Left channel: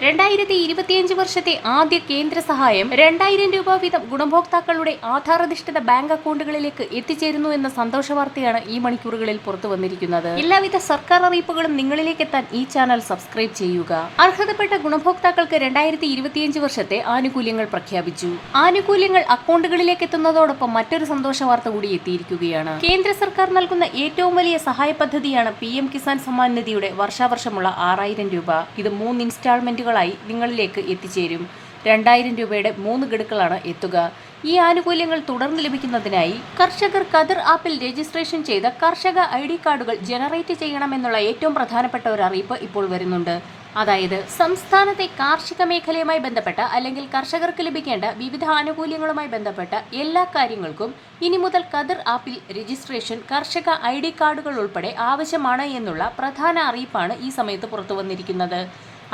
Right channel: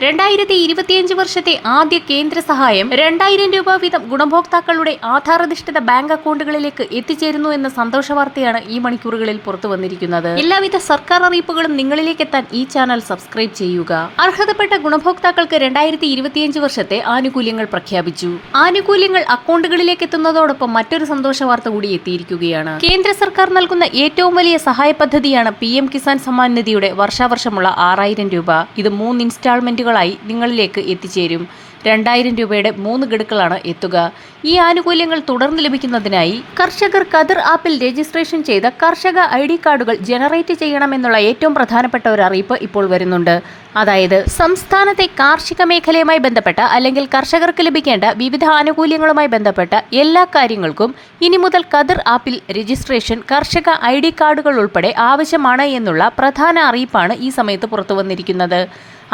2025 വർഷത്തെ ആദ്യ കേന്ദ്ര സഹായം 2000 രൂപ വീതം ഗുണഭോക്താക്കളുടെ ആധാരധിഷ്ഠിത ബാങ്ക് അക്കൗണ്ടുകളിലേക്ക് എത്തിച്ചേരുന്നു എന്ന സന്തോഷ വാർത്തയാണ് ഈ മണിക്കൂറുകളിൽ പുറത്തു വന്നിരിക്കുന്നത്. എല്ലാവിധ സർക്കാർ അറിയിപ്പുകളും നിങ്ങളിലേക്ക് എത്താൻ ഈ ചാനൽ സബ്സ്ക്രൈബ് ചെയ്യുക. അർഹതപ്പെട്ട ഗുണഭോക്താക്കൾക്ക് 2025 വർഷത്തെ ആനുകൂല്യങ്ങൾ പ്രഖ്യാപിച്ചു. ആനുകൂല്യങ്ങൾ അക്കൗണ്ടുകളിലേക്ക് എത്തുന്നതോടൊപ്പം മറ്റൊരു സന്തോഷ വാർത്ത കൂടി എത്തിയിരിക്കുകയാണ്. കേന്ദ്ര സർക്കാർ നൽകുന്ന ഏറ്റവും വലിയ സഹായ പദ്ധതിയാണ് PM കിസാൻ സമ്മാൻ നിധിയുടെ വർഷാവർഷമുള്ള 6000 രൂപ. ഇത് 3 ഇൻസ്റ്റാൾമെന്റ് നിങ്ങളിലേക്ക് എത്തിച്ചേരും. 2000 രൂപയുടെ 3 ഗഡുക്കളാണ് എത്തുക. ഈ ആനുകൂല്യങ്ങൾ തുടർന്ന് ലഭിക്കുന്നതിനായി കർഷകർ ഖദർ ആപ്പിൽ രജിസ്ട്രേഷൻ ചെയ്ത കർഷക ID കാർഡുകൾ ജനറേറ്റ് ചെയ്യണമെന്നുള്ള ഏറ്റവും പ്രധാനപ്പെട്ട ഒരു അറിയിപ്പ് ഇപ്പോൾ വരുന്നുണ്ട്. അതായത് സംസ്ഥാനത്തെ കാർഷിക മേഖലയുമായി ബന്ധപ്പെട്ട അല്ലെങ്കിൽ കർഷകർക്ക് ലഭിക്കേണ്ട വിവിധ ആനുകൂല്യങ്ങളുമായി ബന്ധപ്പെട്ട എല്ലാ കാര്യങ്ങൾക്കും ഇനി മുതൽ ഖദർ ആപ്പിൽ രജിസ്ട്രേഷൻ കർഷക ID കാർഡുകൾ ഉൾപ്പെടെ ആവശ്യമാണ് എന്നുള്ള പ്രധാന അറിയിപ്പാണ് ഈ സമയത്ത് പുറത്തു വന്നിരിക്കുന്നത്.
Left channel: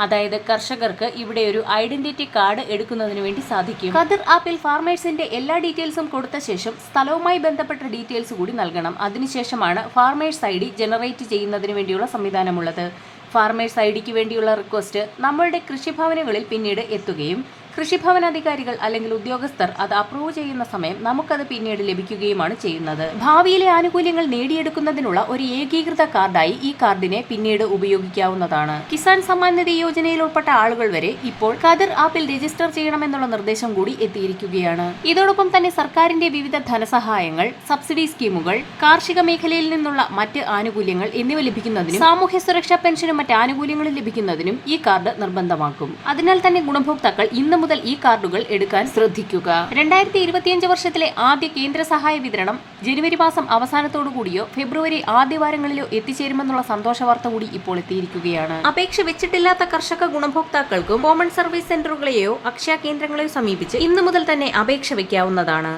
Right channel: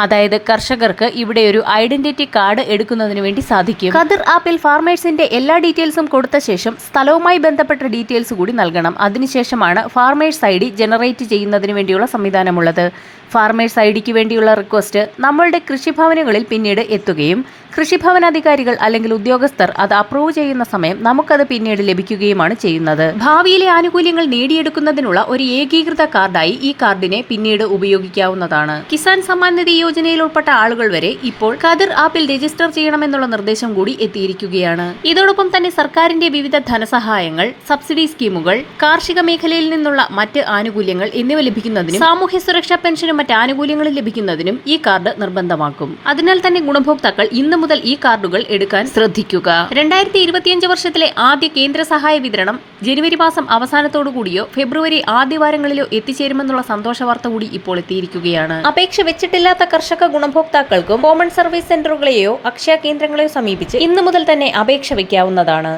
അതായത് കർഷകർക്ക് ഇവിടെ ഒരു ഐഡന്റിറ്റി കാർഡ് എടുക്കുന്നതിന് വേണ്ടി സാധിക്കും. ഖദർ ആപ്പിൽ ഫാർമേഴ്സിന്റെ എല്ലാ ഡീറ്റെയിൽസും കൊടുത്ത ശേഷം സ്ഥലവുമായി ബന്ധപ്പെട്ട ഡീറ്റെയിൽസ് കൂടി നൽകണം. അതിനുശേഷമാണ് ഫാർമേഴ്സ് ID ജനറേറ്റ് ചെയ്യുന്നതിന് വേണ്ടിയുള്ള സംവിധാനമുള്ളത്. ഫാർമേഴ്സ് IDക്ക് വേണ്ടിയുള്ള റിക്വസ്റ്റ് നമ്മളുടെ കൃഷിഭവനുകളിൽ പിന്നീട് എത്തുകയും കൃഷിഭവൻ അധികാരികൾ അല്ലെങ്കിൽ ഉദ്യോഗസ്ഥർ അത് അപ്രൂവ് ചെയ്യുന്ന സമയം നമുക്കത് പിന്നീട് ലഭിക്കുകയുമാണ് ചെയ്യുന്നത്. ഭാവിയിലെ ആനുകൂല്യങ്ങൾ നേടിയെടുക്കുന്നതിനുള്ള ഒരു ഏകീകൃത കാർഡായി ഈ കാർഡിനെ പിന്നീട് ഉപയോഗിക്കാവുന്നതാണ്. കിസാൻ സമ്മാൻ നിധി യോജനയിൽ ഉൾപ്പെട്ട ആളുകൾ വരെ ഇപ്പോൾ ഖദർ ആപ്പിൽ രജിസ്റ്റർ ചെയ്യണമെന്നുള്ള നിർദ്ദേശം കൂടി എത്തിയിരിക്കുകയാണ്. ഇതോടൊപ്പം തന്നെ സർക്കാരിന്റെ വിവിധ ധനസഹായങ്ങൾ, സബ്സിഡി സ്കീമുകൾ, കാർഷിക മേഖലയിൽ നിന്നുള്ള മറ്റ് ആനുകൂല്യങ്ങൾ എന്നിവ ലഭിക്കുന്നതിനും സാമൂഹ്യ സുരക്ഷാ പെൻഷനും മറ്റ് ആനുകൂല്യങ്ങളും ലഭിക്കുന്നതിനും ഈ കാർഡ് നിർബന്ധമാക്കും. അതിനാൽ തന്നെ ഗുണഭോക്താക്കൾ ഇന്ന് മുതൽ ഈ കാർഡുകൾ എടുക്കാൻ ശ്രദ്ധിക്കുക. 2025 വർഷത്തിലെ ആദ്യ കേന്ദ്ര സഹായ വിതരണം ജനുവരി മാസം അവസാനത്തോടു കൂടിയോ ഫെബ്രുവരി ആദ്യവാരങ്ങളിലോ എത്തിച്ചേരുമെന്നുള്ള സന്തോഷ വാർത്ത കൂടി ഇപ്പോൾ എത്തിയിരിക്കുകയാണ്. അപേക്ഷ വെച്ചിട്ടില്ലാത്ത കർഷക ഗുണഭോക്താക്കൾക്കും കോമൺ സർവീസ് സെന്ററുകളെയോ അക്ഷയ കേന്ദ്രങ്ങളെയോ സമീപിച്ച് ഇന്നു മുതൽ തന്നെ അപേക്ഷ വയ്ക്കാവുന്നതാണ്.